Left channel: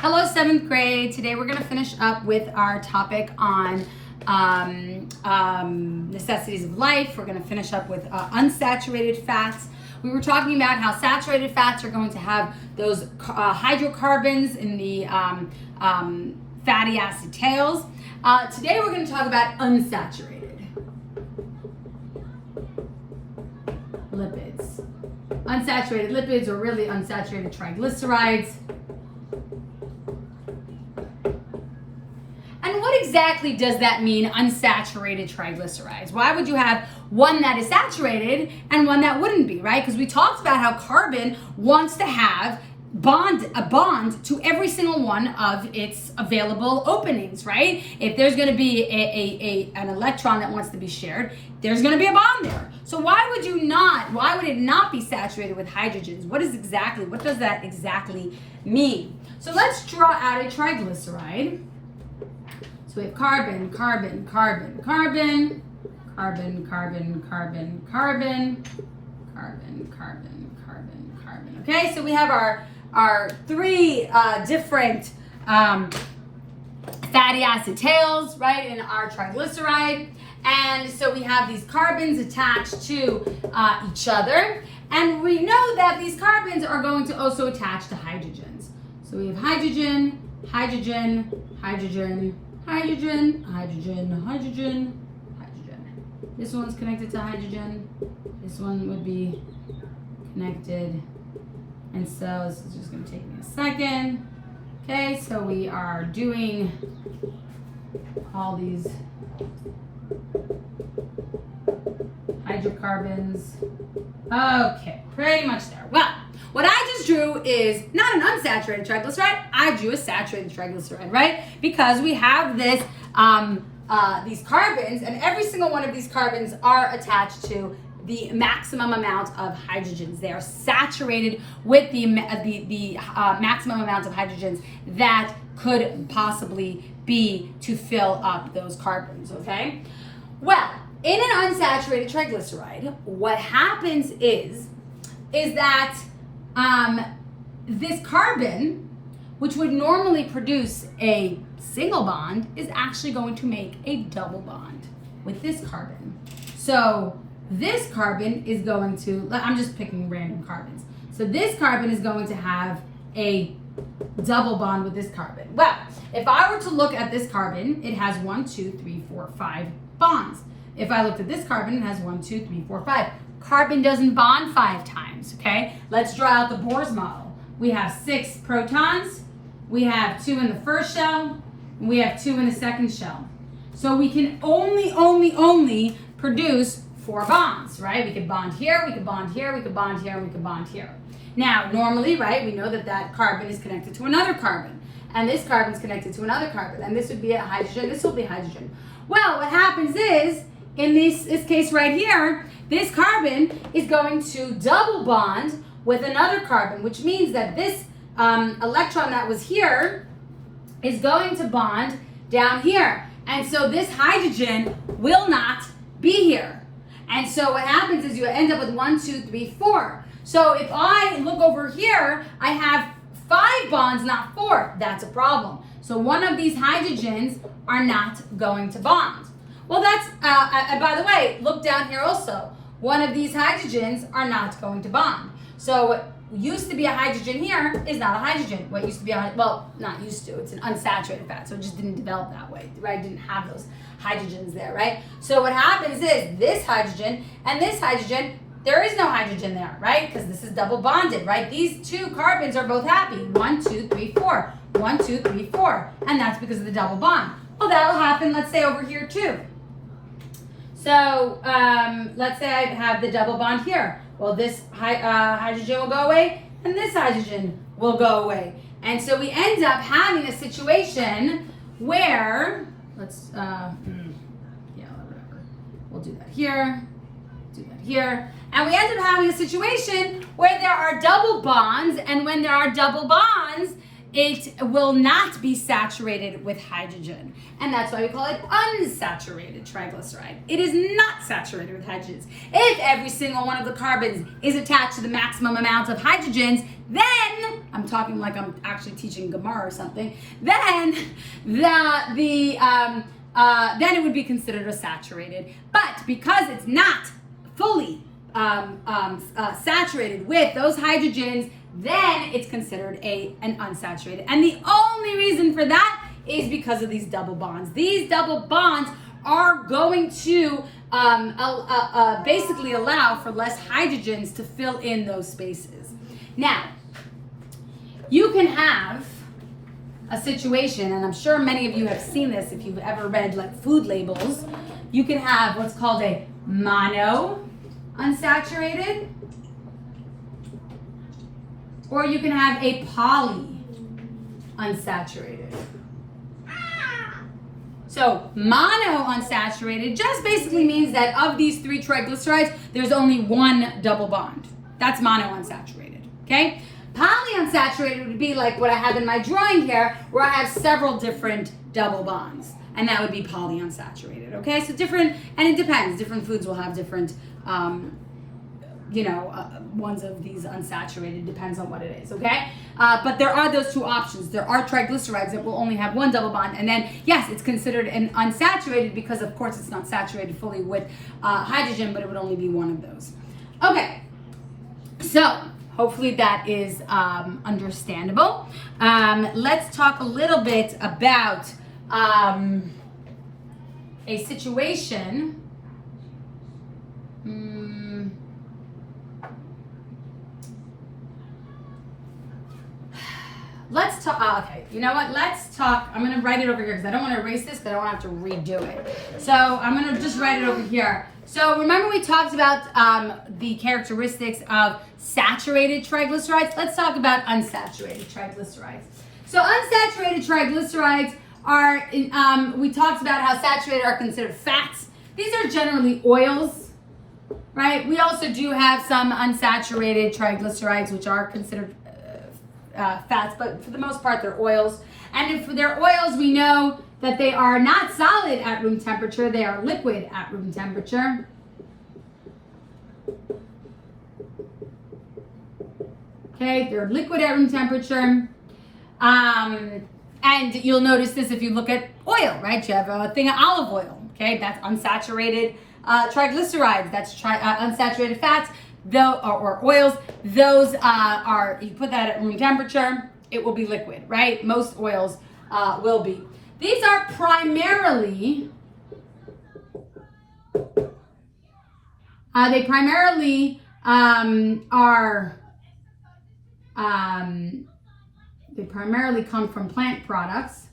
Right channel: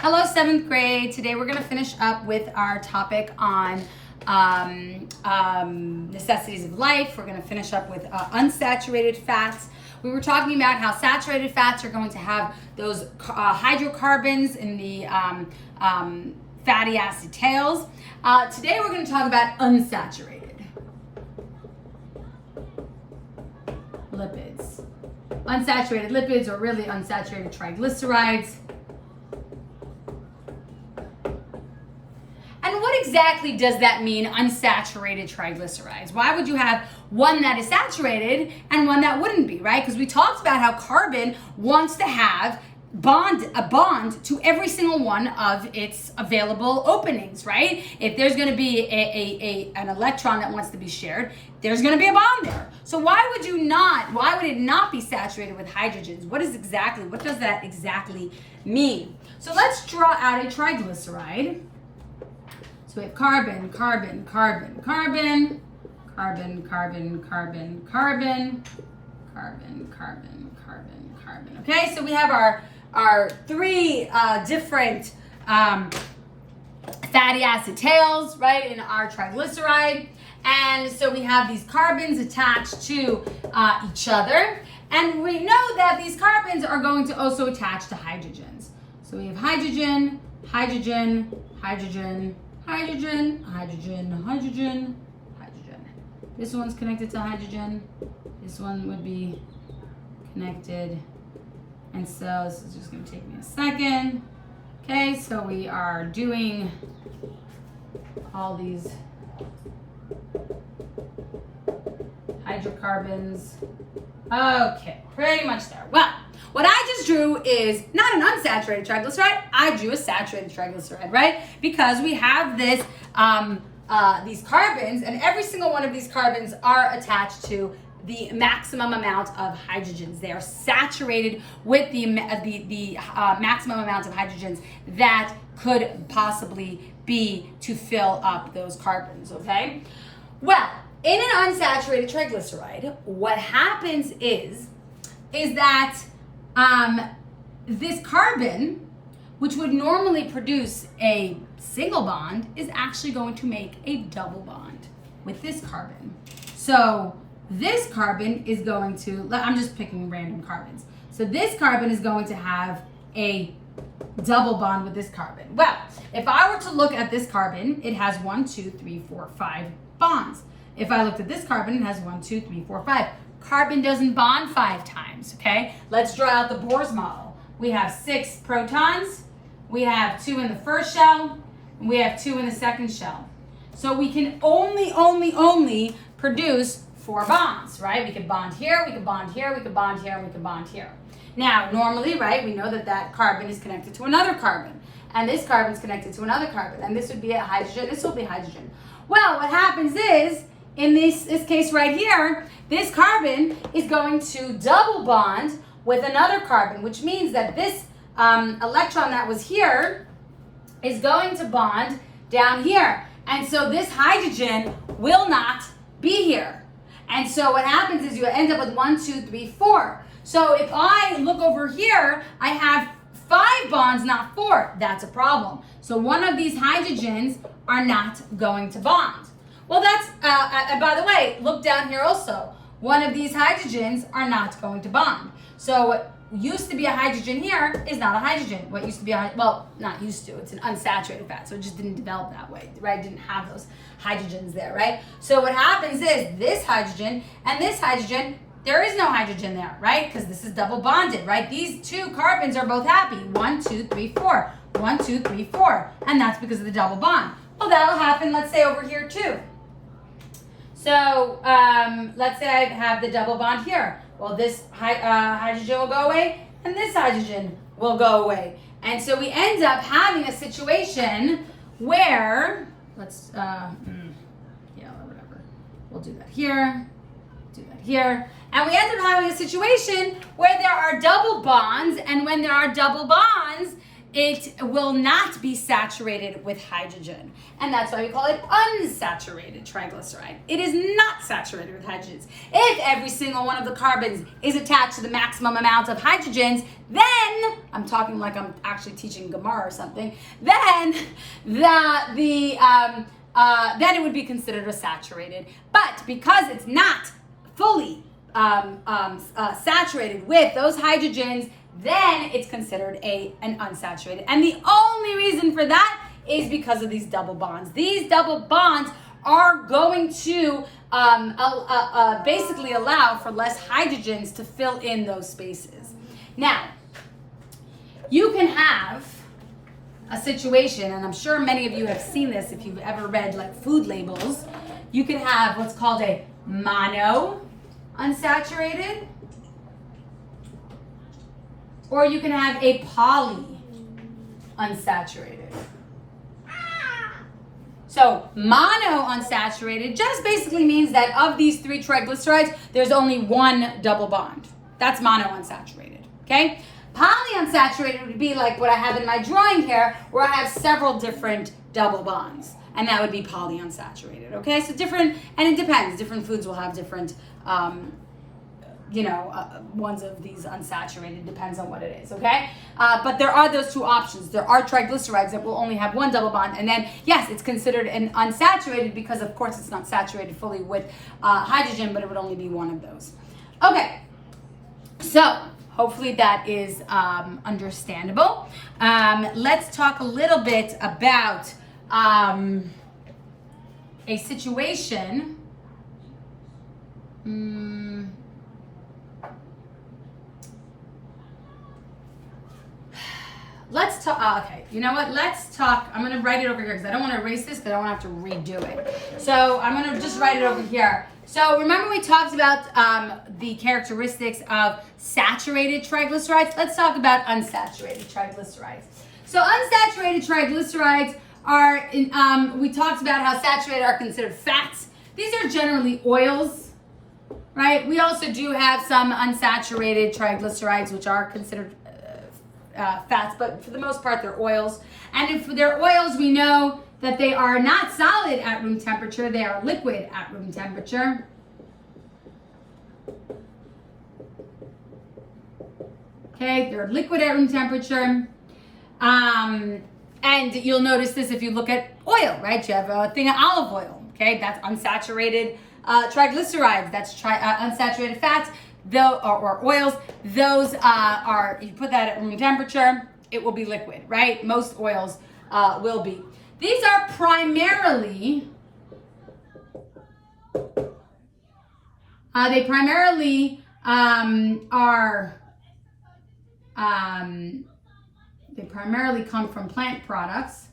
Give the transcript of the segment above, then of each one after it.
Hello, 7th grade. Today we're going to finish up with our topic on necessities of life. We're going to finish up with unsaturated fats. We were talking about how saturated fats are going to have those hydrocarbons in the fatty acid tails. Today we're going to talk about unsaturated lipids. Unsaturated lipids, or really unsaturated triglycerides. And what exactly does that mean, unsaturated triglycerides? Why would you have one that is saturated and one that wouldn't be, right? Because we talked about how carbon wants to have a bond to every single one of its available openings, right? If there's going to be an electron that wants to be shared, there's going to be a bond there. So why would it not be saturated with hydrogens? What does that exactly mean? So let's draw out a triglyceride. So we have carbon, carbon, carbon, carbon, carbon, carbon, carbon, carbon, carbon, carbon, carbon, carbon. Okay, so we have our three different fatty acid tails, right, in our triglyceride. And so we have these carbons attached to each other. And we know that these carbons are going to also attach to hydrogens. So we have hydrogen, hydrogen, hydrogen, hydrogen, hydrogen, hydrogen, hydrogen. This one's connected to hydrogen. This one would be connected. And so this is just going to take me a second. Okay, so we are doing all these hydrocarbons. Okay, pretty much there. Well, what I just drew is not an unsaturated triglyceride. I drew a saturated triglyceride, right? Because we have this these carbons, and every single one of these carbons are attached to the maximum amount of hydrogens. They are saturated with the maximum amount of hydrogens that could possibly be to fill up those carbons, okay? Well, in an unsaturated triglyceride, what happens is that this carbon, which would normally produce a single bond, is actually going to make a double bond with this carbon. So this carbon is going to, I'm just picking random carbons. So this carbon is going to have a double bond with this carbon. Well, if I were to look at this carbon, it has 1, 2, 3, 4, 5 bonds. If I looked at this carbon, it has 1, 2, 3, 4, 5. Carbon doesn't bond 5 times, okay? Let's draw out the Bohr's model. We have 6 protons, we have 2 in the first shell, and we have 2 in the second shell. So we can only produce 4 bonds, right? We could bond here, we could bond here, we could bond here, we could bond here. Now, normally, right, we know that carbon is connected to another carbon, and this carbon is connected to another carbon, and this would be a hydrogen, this will be hydrogen. Well, what happens is, in this case right here, this carbon is going to double bond with another carbon, which means that this electron that was here is going to bond down here. And so this hydrogen will not be here. And so what happens is you end up with 1, 2, 3, 4. So if I look over here, I have 5 bonds, not 4. That's a problem. So one of these hydrogens are not going to bond. Well, that's, by the way, look down here also. One of these hydrogens are not going to bond. So what used to be a hydrogen here is not a hydrogen. What used to be not used to, it's an unsaturated fat, so it just didn't develop that way, right? It didn't have those hydrogens there, right? So what happens is this hydrogen and this hydrogen, there is no hydrogen there, right? Because this is double bonded, right? These 2 carbons are both happy. 1, 2, 3, 4. 1, 2, 3, 4. And that's because of the double bond. Well, that'll happen, let's say, over here too. So let's say I have the double bond here. Well, this hydrogen will go away, and this hydrogen will go away. And so we end up having a situation where, whatever. We'll do that here, do that here. And we end up having a situation where there are double bonds, and when there are double bonds, it will not be saturated with hydrogen. And that's why we call it unsaturated triglyceride. It is not saturated with hydrogens. If every single one of the carbons is attached to the maximum amount of hydrogens, then, I'm talking like I'm actually teaching Gemara or something, then then it would be considered a saturated. But because it's not fully saturated with those hydrogens, then it's considered an unsaturated. And the only reason for that is because of these double bonds. These double bonds are going to basically allow for less hydrogens to fill in those spaces. Now, you can have a situation, and I'm sure many of you have seen this if you've ever read like food labels. You can have what's called a mono unsaturated, or you can have a poly unsaturated. So mono unsaturated just basically means that of these three triglycerides, there's only one double bond. That's mono unsaturated, okay? Polyunsaturated would be like what I have in my drawing here, where I have several different double bonds, and that would be polyunsaturated, okay? So different, and it depends. Different foods will have different, ones of these unsaturated, depends on what it is, okay? But there are those two options. There are triglycerides that will only have one double bond, and then, yes, it's considered an unsaturated because, of course, it's not saturated fully with hydrogen, but it would only be one of those. Okay, so hopefully that is understandable. Let's talk a little bit about a situation. Let's talk, okay, you know what, let's talk, I'm gonna write it over here because I don't wanna erase this because I don't want to have to redo it. So I'm gonna just write it over here. So remember we talked about the characteristics of saturated triglycerides. Let's talk about unsaturated triglycerides. So unsaturated triglycerides are, we talked about how saturated are considered fats. These are generally oils, right? We also do have some unsaturated triglycerides which are considered fats, but for the most part they're oils. And if they're oils, we know that they are not solid at room temperature, they are liquid at room temperature. Okay, they're liquid at room temperature. And you'll notice this if you look at oil, right? You have a thing of olive oil, okay? That's unsaturated triglycerides, that's unsaturated fats. Or oils, those are, you put that at room temperature, it will be liquid, right? Most oils will be. These are primarily, they primarily come from plant products.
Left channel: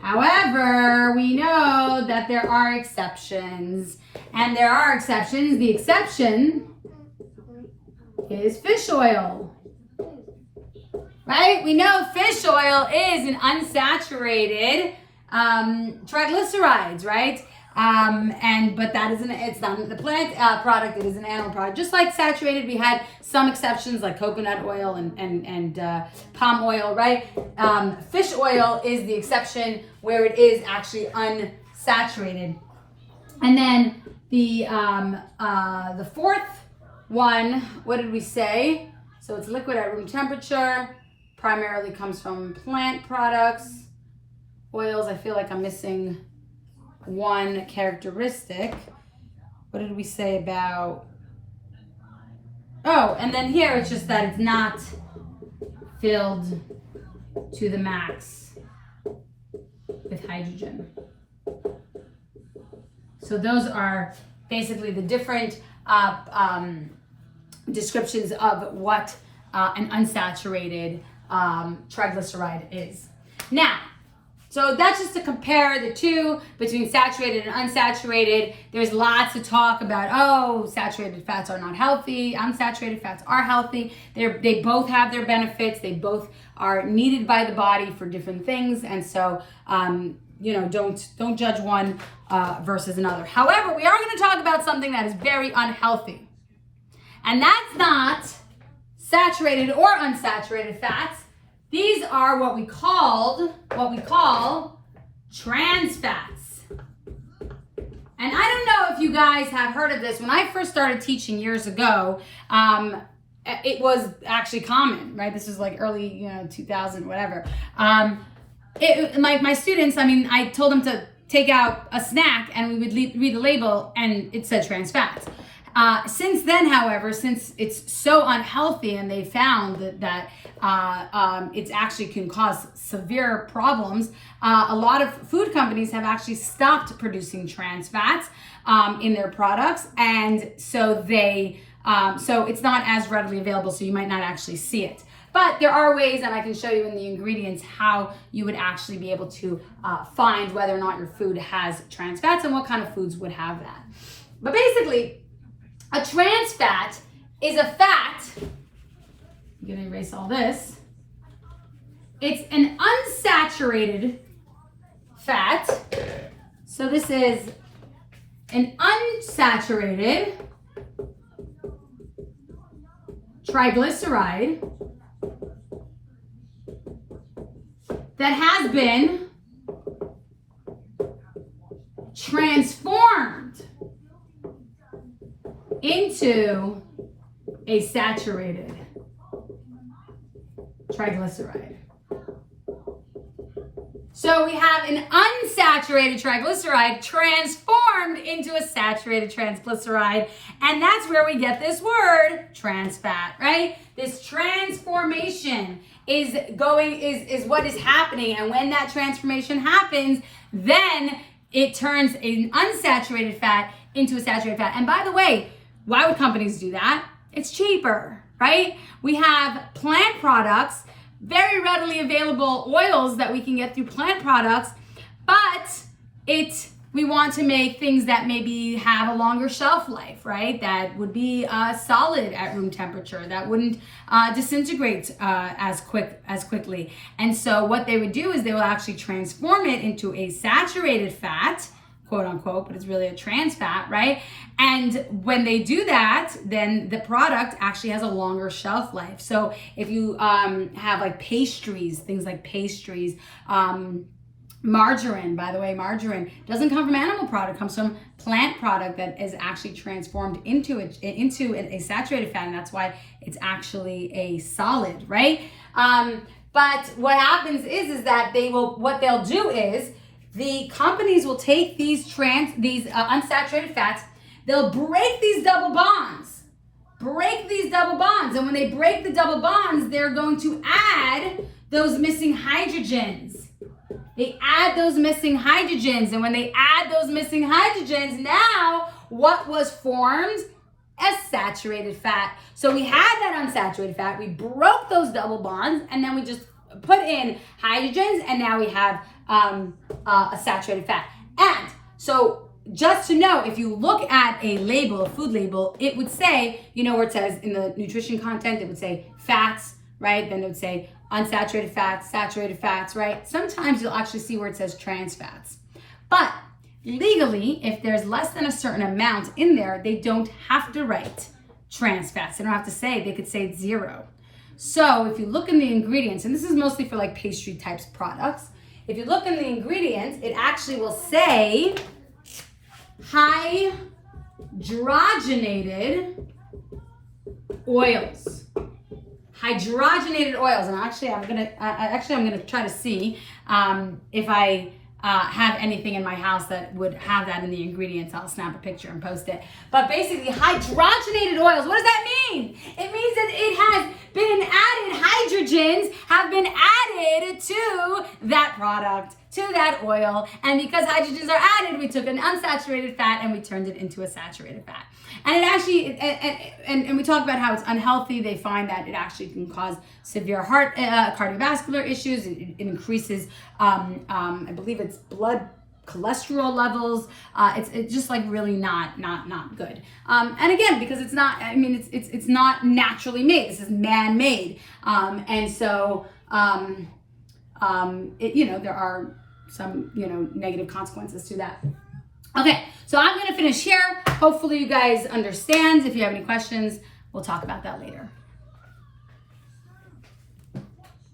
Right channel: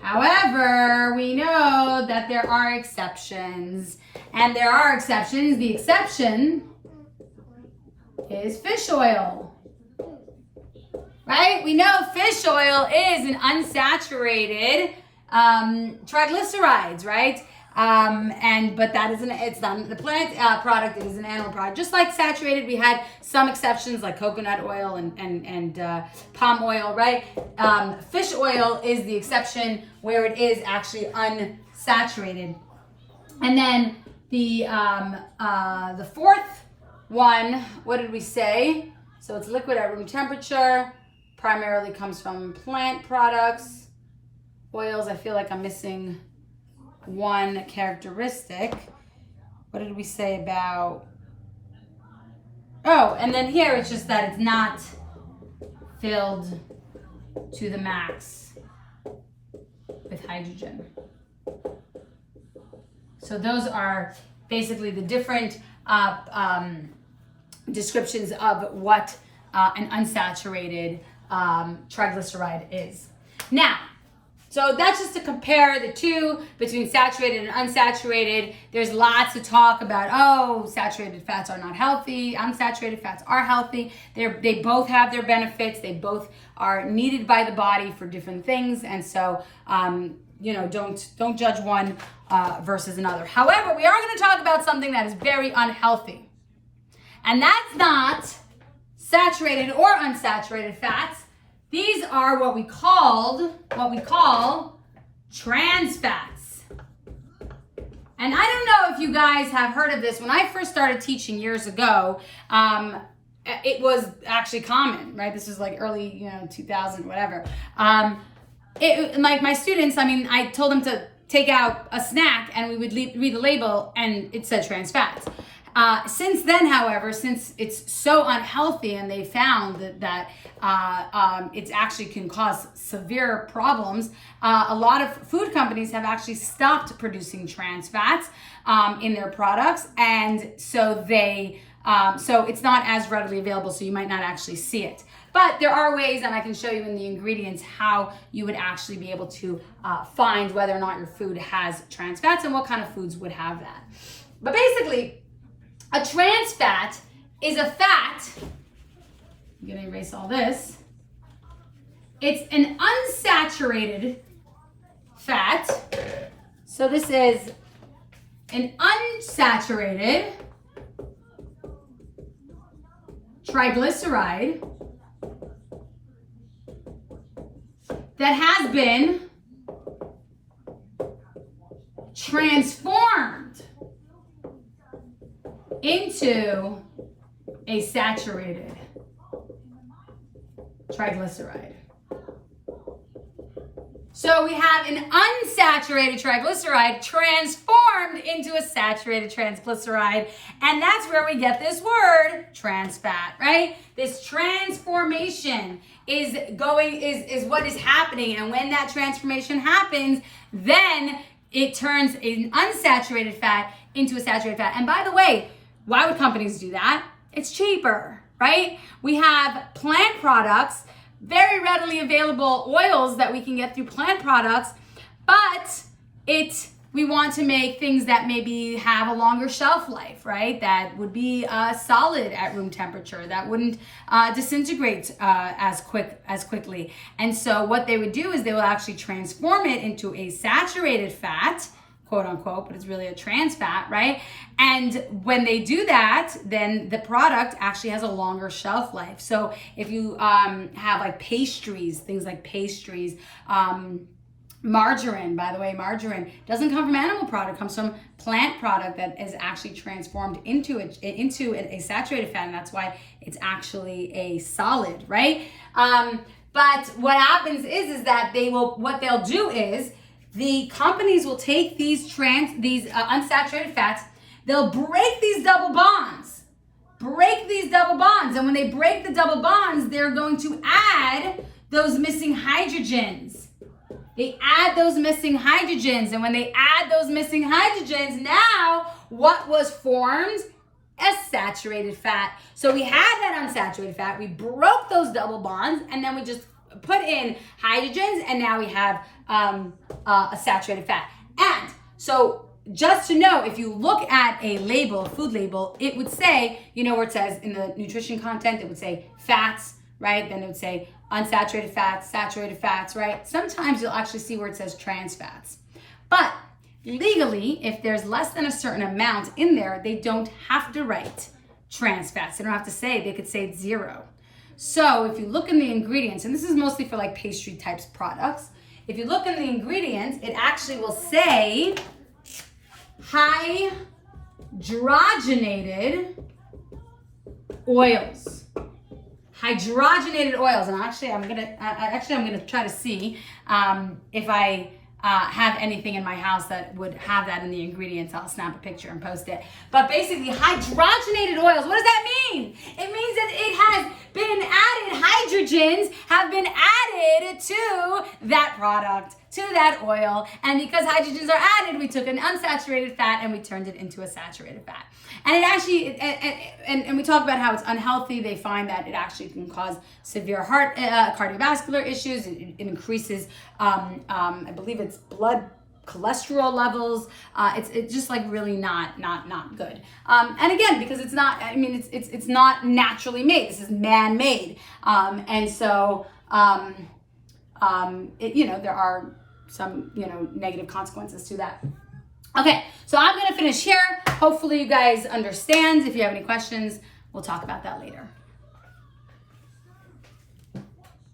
However, we know that there are exceptions. And there are exceptions. The exception is fish oil. Right? We know fish oil is an unsaturated triglycerides, right? But that isn't, it's not the plant product, it is an animal product. Just like saturated, we had some exceptions like coconut oil and palm oil, right? Fish oil is the exception where it is actually unsaturated. And then the fourth one, what did we say? So it's liquid at room temperature, primarily comes from plant products. Oils, I feel like I'm missing one characteristic. What did we say about, oh, and then here it's just that it's not filled to the max with hydrogen. So those are basically the different descriptions of what an unsaturated triglyceride is. Now, so that's just to compare the two between saturated and unsaturated. There's lots to talk about, oh, saturated fats are not healthy, unsaturated fats are healthy. They both have their benefits. They both are needed by the body for different things. And so, don't judge one versus another. However, we are going to talk about something that is very unhealthy. And that's not saturated or unsaturated fats, these are what we call trans fats. And I don't know if you guys have heard of this. When I first started teaching years ago, it was actually common, right? This was like early, 2000, whatever. Like my students, I told them to take out a snack and we would read the label and it said trans fats. Since then, however, since it's so unhealthy and they found that it actually can cause severe problems, a lot of food companies have actually stopped producing trans fats in their products, and so so it's not as readily available, so you might not actually see it. But there are ways, and I can show you in the ingredients how you would actually be able to find whether or not your food has trans fats and what kind of foods would have that. But basically, a trans fat is a fat, I'm gonna erase all this. It's an unsaturated fat. So this is an unsaturated triglyceride that has been transformed into a saturated triglyceride. So we have an unsaturated triglyceride transformed into a saturated triglyceride, and that's where we get this word trans fat, right? This transformation is what is happening, and when that transformation happens, then it turns an unsaturated fat into a saturated fat. And by the way, why would companies do that? It's cheaper, right? We have plant products, very readily available oils that we can get through plant products, but we want to make things that maybe have a longer shelf life, right? That would be solid at room temperature, that wouldn't disintegrate as quickly. And so what they would do is they will actually transform it into a saturated fat, quote unquote, but it's really a trans fat, right? And when they do that, then the product actually has a longer shelf life. So if you have like pastries, things like pastries, margarine, by the way, margarine doesn't come from animal product, it comes from plant product that is actually transformed into a saturated fat, and that's why it's actually a solid, right? But what happens is that what they'll do is the companies will take these unsaturated fats, they'll break these double bonds. And when they break the double bonds, they're going to add those missing hydrogens. They add those missing hydrogens. And when they add those missing hydrogens, now what was formed? A saturated fat. So we had that unsaturated fat, we broke those double bonds, and then we just put in hydrogens, and now we have a saturated fat. And so just to know, if you look at a label, a food label, it would say, where it says in the nutrition content, it would say fats, right? Then it would say unsaturated fats, saturated fats, right? Sometimes you'll actually see where it says trans fats. But legally, if there's less than a certain amount in there, they don't have to write trans fats. They don't have to say, they could say it's 0. So if you look in the ingredients, and this is mostly for like pastry types products, if you look in the ingredients, it actually will say hydrogenated oils. Hydrogenated oils, and actually I'm gonna try to see if I have anything in my house that would have that in the ingredients. I'll snap a picture and post it. But basically, hydrogenated oils, what does that mean? It means that it has been added, hydrogens have been added to that product, to that oil. And because hydrogens are added, we took an unsaturated fat and we turned it into a saturated fat. And it actually, and we talk about how it's unhealthy. They find that it actually can cause severe heart, cardiovascular issues. It increases, I believe it's blood cholesterol levels. It's just like really not good. And again, because it's not, it's not naturally made. This is man-made. And so, there are some, negative consequences to that. Okay, so I'm gonna finish here. Hopefully you guys understand. If you have any questions, we'll talk about that later.